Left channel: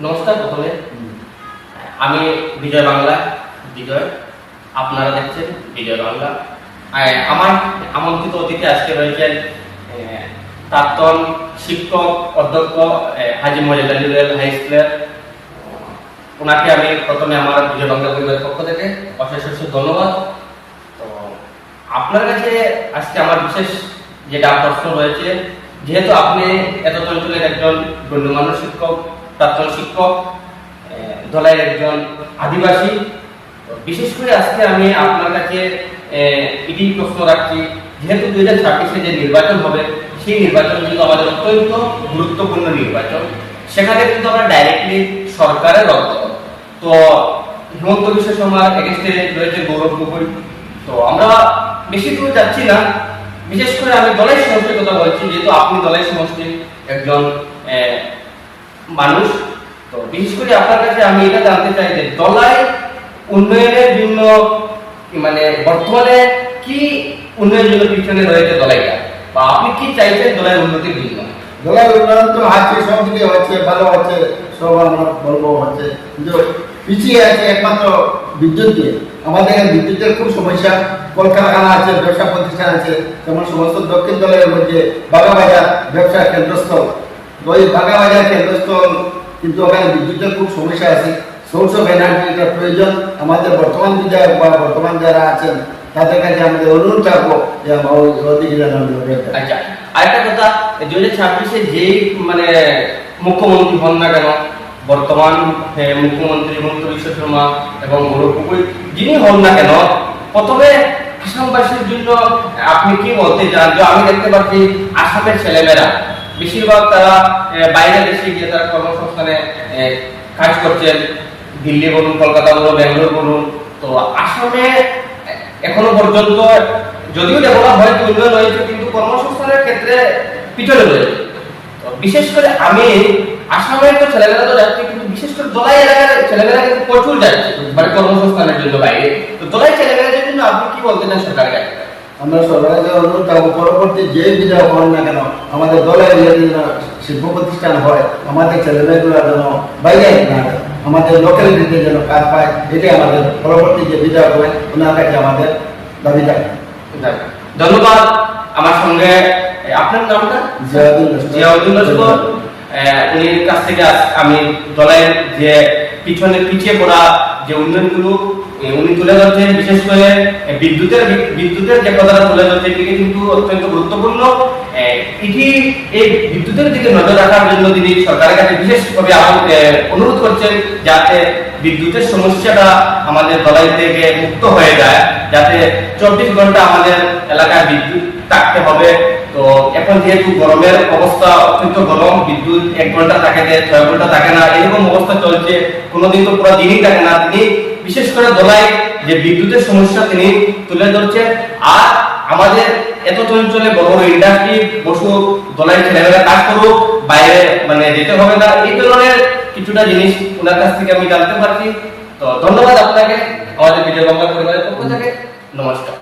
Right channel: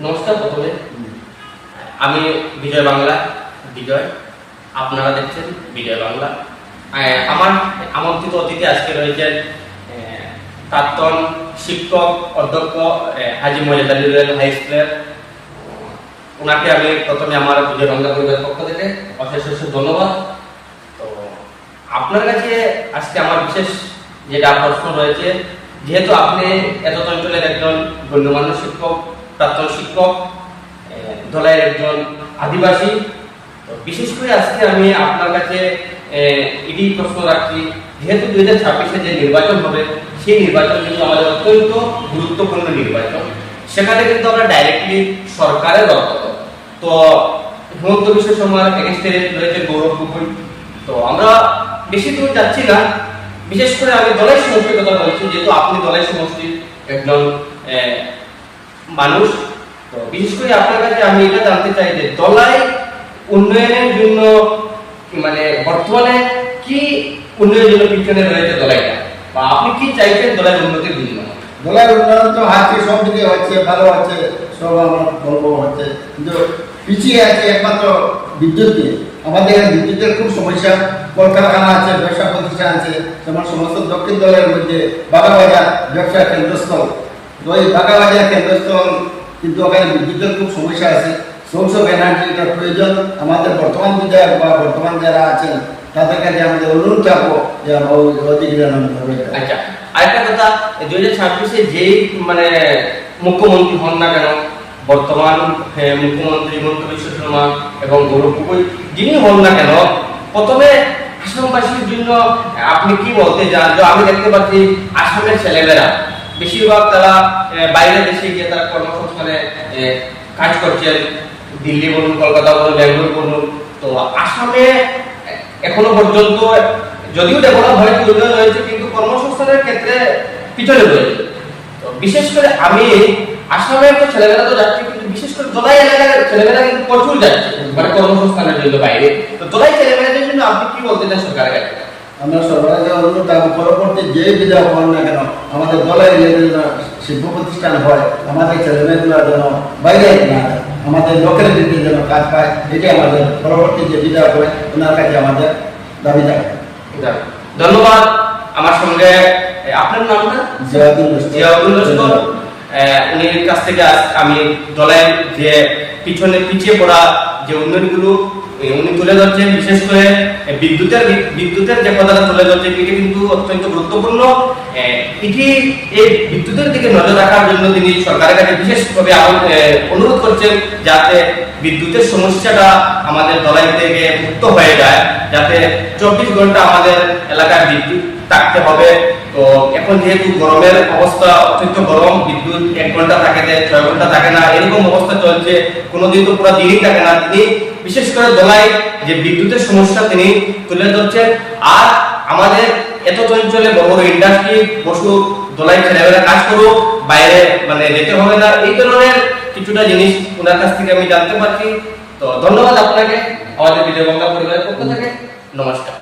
নমস্কার প্রথমে। আমি বিজয় বাংলা, বিজয়। আপনারা দেখছেন বিজয় বাংলা। আমার আমন্ত্রিত অতিথি আজকে রয়েছেন প্রাক্তন শিক্ষক, অধ্যক্ষ হাজি মজিদ হাই স্কুলের। ওনাকে আমি প্রথমে আমার বিজয় বাংলা পরিবারের পক্ষ থেকে অশেষ অশেষ ধন্যবাদ। তো, আপনার কাছে আজকে আমার বিশেষ যেটা প্রশ্ন রয়েছে, যেহেতু আপনি এত অঞ্চলের একজন গণ্যমান্য শিক্ষক প্রাক্তন শিক্ষক ধলাই একজন আদিবাসী। বিশেষ করে আজকে আমি আপনার কাছে এটি প্রশ্ন রাখছি। যেহেতু দুই হাজার ছাব্বিশে যে নির্বাচন হবে, সেই নির্বাচন কিন্তু আমাদের অত্যন্ত গুরুত্বপূর্ণ নির্বাচন। সেখানে কিন্তু আমরা ডাইরেক্টলি সরকারের অর্থ তো হিমন্ত বিশ্ব এগেনস্টে রয়েছে গৌরব গগৈ। তো আমরা বেশি দূর যাচ্ছি না। বিশেষ করে আমি দলের সমষ্টির কথা বলছি, যেহেতু আপনি দলের সমষ্টির একজন মানুষ। তো বিশেষ করে আপনার কাছে আমি এটা জানতে চাই যে দলাই উন্নয়নের জন্য মানে বর্তমানে কি উন্নয়নের জন্য পিছনে রয়েছে দলাইটা? বা আপনি কি চাইছেন দলের উন্নতির জন্য দলের উন্নয়ন তো আজকে সব দিকে হচ্ছে, ভালো হচ্ছে, সব আমরা বলব হচ্ছে। কিন্তু পিছিয়ে আছে একমাত্র বিদ্যুৎ দিয়ে। আমাদের এখানে বিদ্যুতের খুব সমস্যা। কলকারখানা আছে, ব্যবসা প্রতিষ্ঠান আছে, যেমন সমস্ত দক্ষিণ দলের মধ্যে বাগাবাজার ব্যবসা কেন্দ্রস্থল। তো ওই বাগাবাজার কেন্দ্রস্থল, কিন্তু ওখানে বিদ্যুতের খুব সমস্যা আছে। সোর্স অফ এনার্জিটা প্রয়োজন। আমাদের বর্তমান বিধায়ক বা বর্তমান যারা আছেন, তাদের কাছে আমাদের অনুরোধ থাকব যে। আচ্ছা আরেকটা কথা দুই হাজার ছাব্বিশে যেই মানে মুখ্যমন্ত্রী হন না কেন, বর্তমান মুখ্যমন্ত্রী হিমন্ত বিশ্ব শর্মা এবং গৌরব গগৈ, যিনি হন না কেন, প্রথমে আসামবাসীর জন্য আপনি কি বলতে চান? আমি দেখতে পাচ্ছি আসামের ছেলেমেয়েরা বেশিরভাগ তারা বাইরে দেশে গিয়ে তারা কর্মসংস্থানে কাজ করছেন। দিল্লি বলুন, কলকাতা বলুন, ব্যাঙ্গালোর বলুন। তো আসামে এখনও পর্যন্ত যদিও ডেভেলপ হয়েছে উন্নয়ন হয়েছে, কিন্তু কর্মসংস্থানের ক্ষেত্রে পিছনে রয়েছে। বিশেষ করে আমি আসামের তো ছেলেমেয়েরা তো যাচ্ছে, কিন্তু বিশেষ করে দোলাই এলাকার ছেলেমেয়েরা কিন্তু প্রচুর যাচ্ছে মানে কর্মসংস্থানের জন্য বাইরে। তো দোলাই ছেলেমেয়েদের জন্য আপনি কি বলতে চান সরকারের কাছে? আমরা সরকারের কাছে অনুরোধ থাকব পরবর্তী যে বিধায়ক হন না কেন আমাদের দলের শিল্প প্রতিষ্ঠান হয় আমাদের ছেলেমেয়েগুলো যেন বাইরে না। আমাদের লোকালিটিতে যেন কাজ পায় এটাই আমাদের পরবর্তী যে বিধায়ক হয় ওনার কাছে আমাদের দাবি থাকে ধন্যবাদ আমার সঙ্গে। আপনার নামটা জিয়াউদ্দিন জিয়াউদ্দিন লস্কর উনির কাছ থেকে আমি দলের যে পিছনে পিছিয়ে পড়া যে উন্নয়নগুলো উনি তুলে ধরছেন বিশেষ করে বিদ্যুতের বিদ্যুতের যে কথাটা তুলে ধরছেন, এটি কিন্তু অত্যন্ত গুরুত্বপূর্ণ। এটি এই বিদ্যুতের দিকে নজর রাখার জন্য তিনি সরকারের কাছে বিশেষভাবে অনুরোধ করছেন যাতে বিদ্যুতের সমস্যাটা আমাদের দলাই থেকে মুক্ত হয়ে যায়, যাতে চব্বিশ ঘণ্টা আমাদের এলাকায় বিদ্যুৎ থাকতে হবে। তো এখন যেহেতু গরমের অবস্থা অত্যন্ত গরম, বিদ্যুৎ এক ঘণ্টা থাকে ছয় ঘণ্টা থাকে না, এরকম অবস্থা চলছে, কোনোদিন তো পুরো দিনই থাকে না। তিনি বিশেষ করে দলাই যে বিদ্যুতের সমস্যা তিনি তুলে ধরছেন। আর আমাদের এত অঞ্চলে বড় বড় ইন্ডাস্ট্রি বসু দোলাই ছেলেমেয়েরা কাজ করুক, বাইরে মানে যেতে হবে না, এই ধরনের কিছুটা জিনিস ওনার কাছ থেকে আমি জানতে পারছি। তো ধন্যবাদ আপনাকে, আমাদের বিজয় বাংলা পরিবারের পক্ষ থেকে। নমস্কার।